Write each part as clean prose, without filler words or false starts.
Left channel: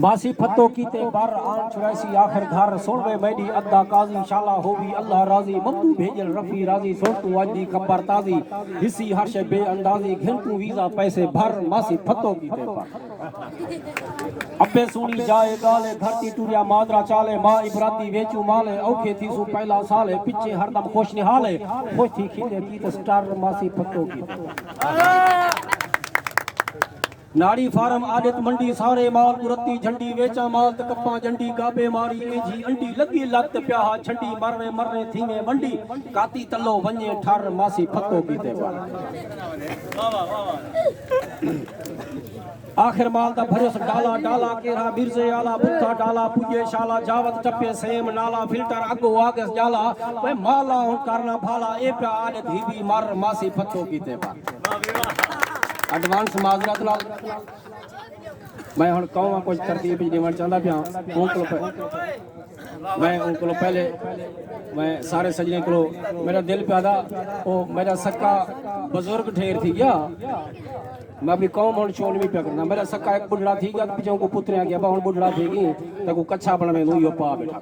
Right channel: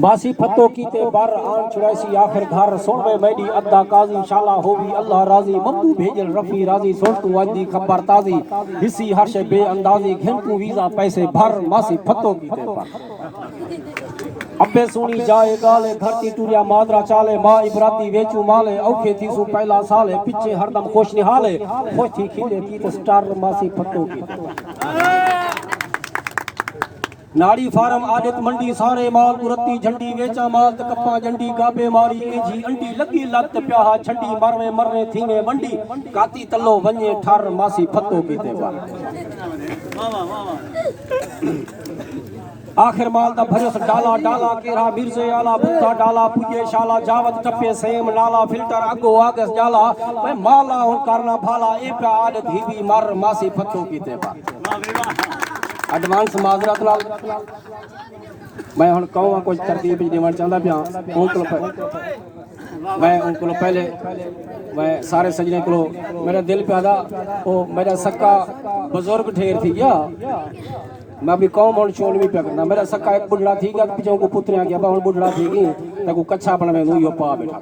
बासी फतो कीते बार आन चुरासी आखिर घर सोनवे मैडी अद्दा काजी शाला होवी अल्लाह राजी मब्दू भेजल रफी राजी सोटू वादी खबर ताजी हिसी हर्ष बे अंदाजी घिनकू वीजा पैसे भर मासी फतो कीते बार अबे सुनी जाए गाले धरती टूरिया मादरा चाले मां इबराती वेचू माले औखे थी सु पहला साले पिछे हरदम खुश निहाले खुश थी खिले की स्टार मासी फतो कीते नाड़ी फार्म आदित मंडी सारे माल उरती झंडी वेचा माल त कप्पा जंडी गाबे मारी एजी अंडी लगी लत प्याहा छंडी मरवे मरने थीवे मंडी काती तल्लो वने ठार मासी फतो कीते बार आखिर माल दा भरोस डाला डाला केरा मिर्जे आला भूखा डाला पुजे शाला जावत टपे सेम नाला फिल्टर अगो आगस जाला वे माला हुन करना भाला ए पे आद धीवी मर मासी फतो कीते बार एडवांस माजरत लाल मैं हुन कहूं कुछ तरतीब देवण चाहंदा पिया मैं उनको पहले मैं सारे सजने को मेरा दिल पैदा ओ मेरा सक्का बुजुर्ग ठेर थी गया मैं अपनी कौम और शोल भी करना मेरा सक्का एक बुढ़ड़ा थी गया पीछे को पुत्रियां गया हुन बुढ़ड़ा थी गई तको कच्चा बनवे नु यो पा बैठा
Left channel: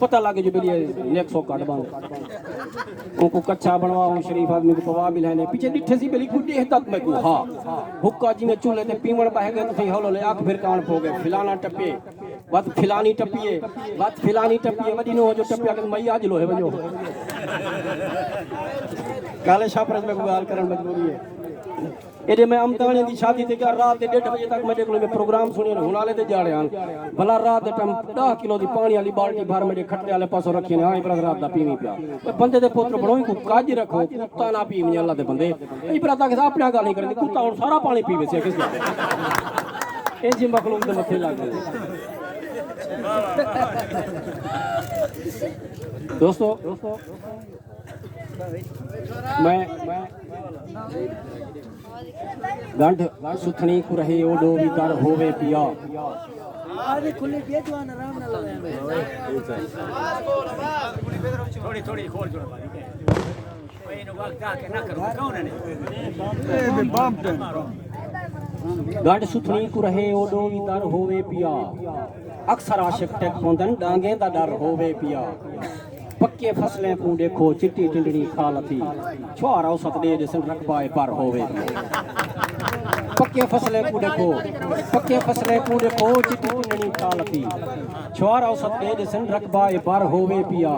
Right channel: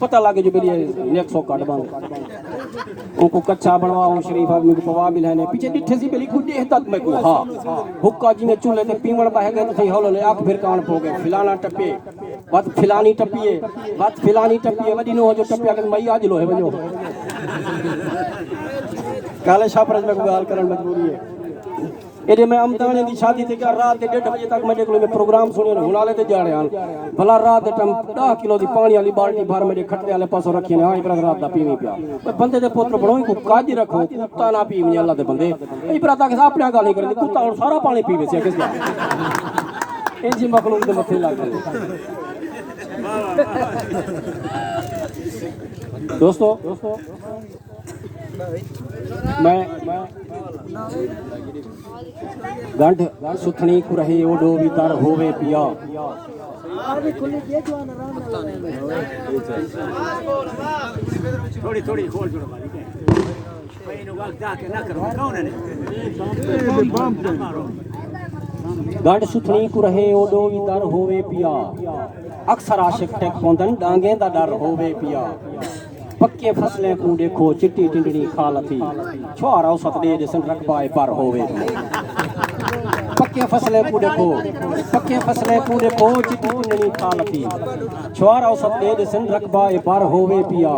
पता लगे जो मेरी नेक सो काट बन उनको कच्चा बनवाऊं शरीफ आदमी को पवा भी लेने पीछे डिठे सी बेली गुडे तक मैं को हां हुक्का जी में चूल्हे ते पीवण बह गए तो हौले ले आंख फिर कान हो गए फिलाना टपे बात फिलानी टपिए वडी नो जो टपिया के मई आज लो है वजो काले शाह में गाल करन मजबूरी है एडे मैं अमदाने दी शादी ते क्या रात दे 1:30 बजे तक मेरे को में प्रोग्राम सुनियो हुनाले ते जाने आन भला रात दे टम 10 किलो दी पानी वाली बाल्टी भर मेरे खट्टे वाले पासों रखी ने हां इब्रात रात दा पीवी पिया बंदे दे पुत्र बणोई को काज रखो कुत्ता ना पीवनी अल्लाह दे बंदे इब्रात के अपने गाल नहीं करनी कुत्ता हुन सारा पानी पीवे से किस ए जी मखलूक दे मथे लग गए दोस्तों मैं गंढ सुथनी को रहे ओडो वितर होवे पिया आगे खुली दे जवान आराम ना लगे थोड़ी थोड़ी बोल जोड़ भाई इन वक्त जाके ना करो कौन है गंढ सुथनी को रहे ओडो वितर होवे पिया अक्सर आशिक टेक पोंदन डांगे दा डर होवे पिया पक्के फसलें को देखो चिट्टी टिंडनी खालती छुआरा औसत दे जसन रकबाए पर होवे पक्के फसलें को देखो चिट्टी टिंडनी खालती छुआरा औसत दे जसन रकबाए पर होवे पिया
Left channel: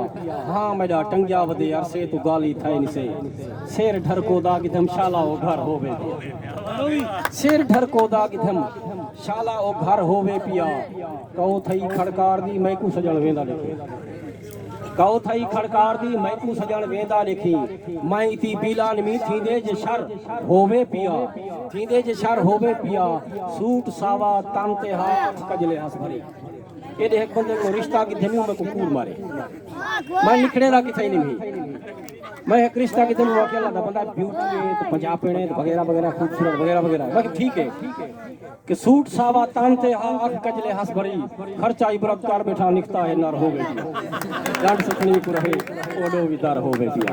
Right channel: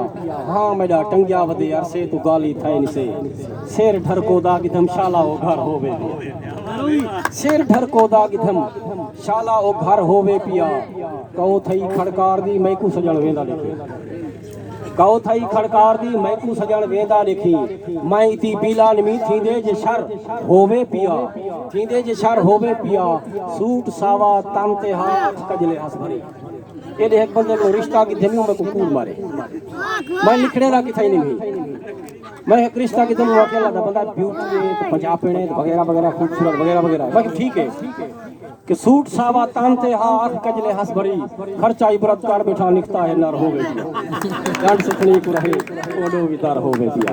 हां मेरा टंगिया वदे अरसे तो गाली थाई निसे शेर ढर को दाग धम शाला ओ घर होवे शेर ढर को दाग धम शाला ओ घर होवे पिया कहो थई खड़कार दी मैं को सजण वेंदा देखे कहो थई खड़कार दी मैं को सजण वेंदा लिखी मैं इती पीला नमी थींदे जे शर होवे पिया सूट सावा तन ते हाथ कजले हस भरी एडे एक बंदे को रिश्ता की धमियों में को कूल मारे मैं निकड़ेला की थई नहीं मैं एक रिश्ता की धमियों अकेला था बंदा ब्यूटी है तो पंजाब पेणे वगैरह वगैरह खूबसूरत वगैरह वगैरह बाकी ठीक है कि सूट सावा तान ते हाथ कजले हस भरी खर्चा इबरत कर बैठा निकता है नर होवे गंढ सुथनी को रहे ओडो वितर होवे पिया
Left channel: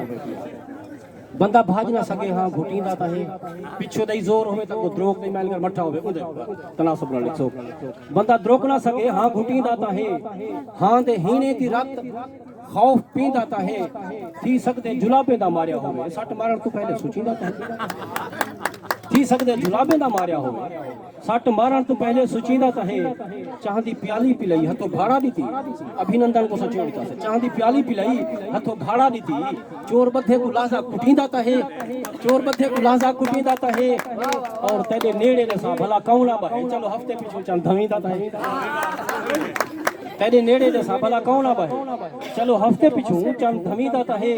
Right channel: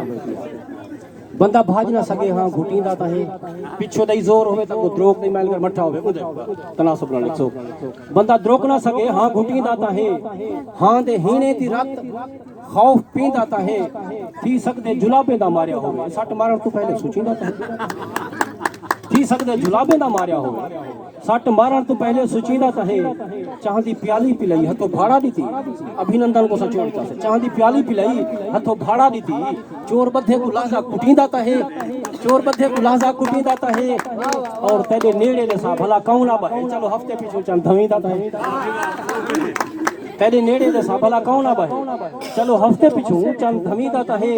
बंदा भाज ना सके हां घुटींदा ता है पिछो दई जोर होवे तो द्रोक नहीं मैल कर मठा होवे उदे तनासब न लिखो बंदा द्रोक ना सके हां घुटींदा ता है हां दे हीने दी रात खौफ पींदा ता है थी सकदे जुलाबे दा मारिया होवे सट मारन तो पहले सोचींदा ता थी सकदे जुलाबे दा मारिया होवे सट मारण तो पहले सुचींदा ता है चांदी प्याली पिलाई हथो भाड़ा दी थी अभिनंदन को सचोड़ता से चांदी प्याली पिलाई हथो भाड़ा दी थी चोर बद्धे को लाजा कुटींदा ता है और तेरे नेड़े ने सा भला कौना बहे चलो हफ्ते पीछे चल धवींदा ता है तेरे नेड़े ने सा भला कौना बहे चलो हफ्ते पीछू चल धवींदा ता है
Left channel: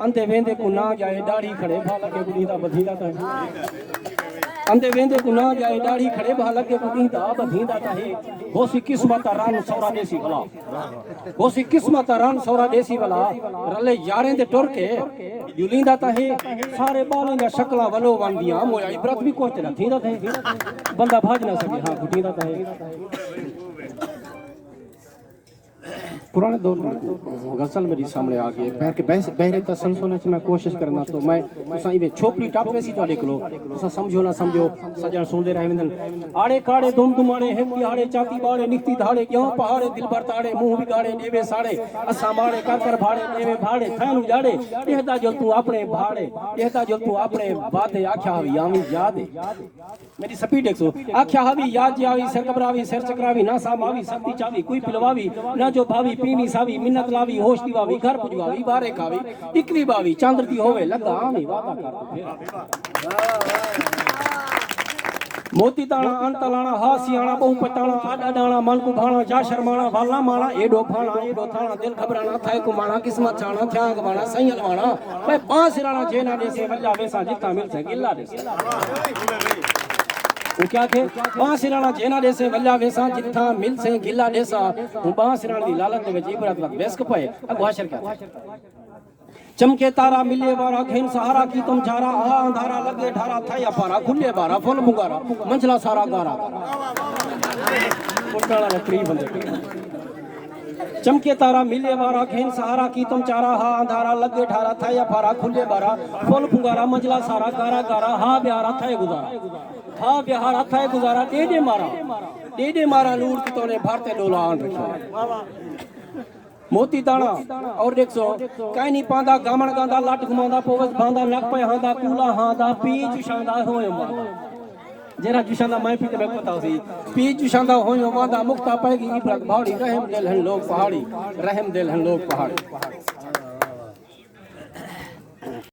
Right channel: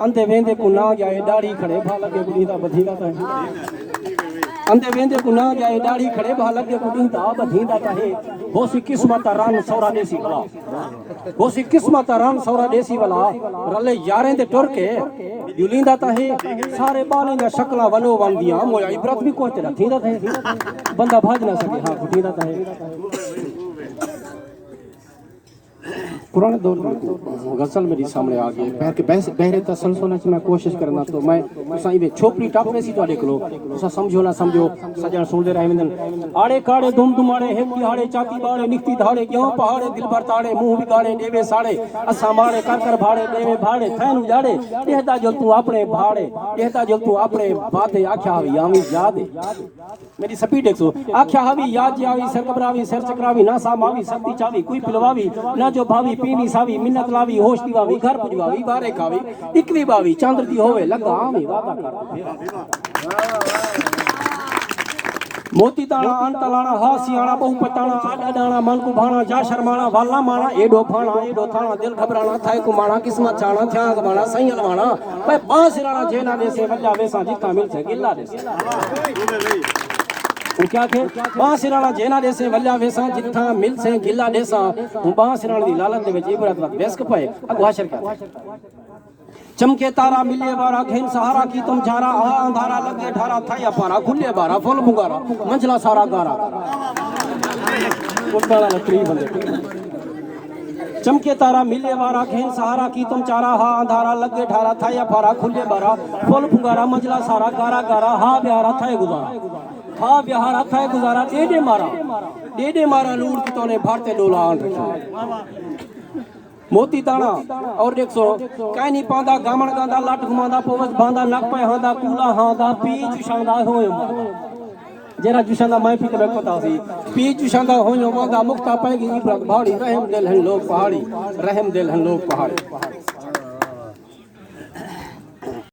अंधे वेंदे को ना जाए दाढ़ी खड़े भा लगे बुढ़ीदा बधीदा ता है अंधे वेंदे को ना जाए दाढ़ी खड़े भा लगे बुढ़ीदा बधीदा ता है होसी किस्मत रान सौरा देसी वाला होसी किस्मत रान सौरा देसी वाला रले यारें दे टुर के युलींदा ता है सारे बालें दा शक्ला वलो वंदियां मोया इबरत भी कोते ना थींदा थे बंदा भाज ना सके हां बुढ़ीदा ता है पुराने दौर में गजल मेरे सामने आ गई पैर के बहरे तसलसल च मैं कोशिश करना तो मैं तुसा इवे छोपड़ी टप वैसी तो देखलो तुसा समझो ना समझो सजण सुनदे रह वेंदन आड़े काड़े दुम दुमाड़े हेकी हाड़े चाती बाड़े निकती धाड़े क्यों पहाड़े दिल भर ताड़े मुंह बिगाड़े देवे साड़े असा माड़े कर भाड़े देवे भाड़े थैन उजाड़े देहता जो तू अपने भाड़े देहता जो तू अपने वादे आख्या हवी यामी याद मेरी स्पीड 100 आख्या हवी याद जावी सर कबरावी सर चकरावी ना सामावी शक्ति चावी कोई पिलवावी ना जो भावी पीवी सावी मिन्नत लावी होश दीवावी घर पुजवावी बारे खावी इकवी बावी चांद्र दी होवे लगा आमी वादा कर मोती ताना अंत लाना हासियाना बहु पताना आडा डाना मन को भाना जा शर्माना वाला माना एडो भाना एडो थाना दिल घबराना थाए को माना किस्मत छाना त्याग माना सैयल माना भाई पांच राना जेना जैसे वल्ला वैसा जितना मिल से गिल्ला जैसे वो क्या के पांच राना जेना जैसे वल्ला वैसा जितना मिल से गिल्ला जैसा वो पांच राना दी लालच दे विच इबरत वक्त बेस कपे अगवाशर क्या चमके तारा मिले बारा घेन सहारा की तुम झारा आ अंधारा लगे ठारा था पारा खुले बारा फुल मुगारा मंझला सारा गारा कोटाला लकड़ी बंदे चमके तारा मिले बारा घेन सहारा की तुम चारा हा अंधारा लगे ठारा था पारा खुले बारा फुल फुंगारा मंझला सारा गारा गारा हा ब्यारा था गुजारा था ब्यारा था गुजारा डेडे मारा लूड़ की तोने भारते डोला आन रखा मोती ताना और 100 काई नहीं पांदा गामण गांदा लट घुमांदा पोवस बांदा नक पे हांदा कूला हांदा पी चुशांदा होयो जेरा चुशांदा मैं पी के पता सी पी चुशांदा होयो वांदा मुक्ता पाएगी इबरत भाड़ी रहम दिल हन लोग पहाड़ी रहम दिल हन लोग पहाड़ी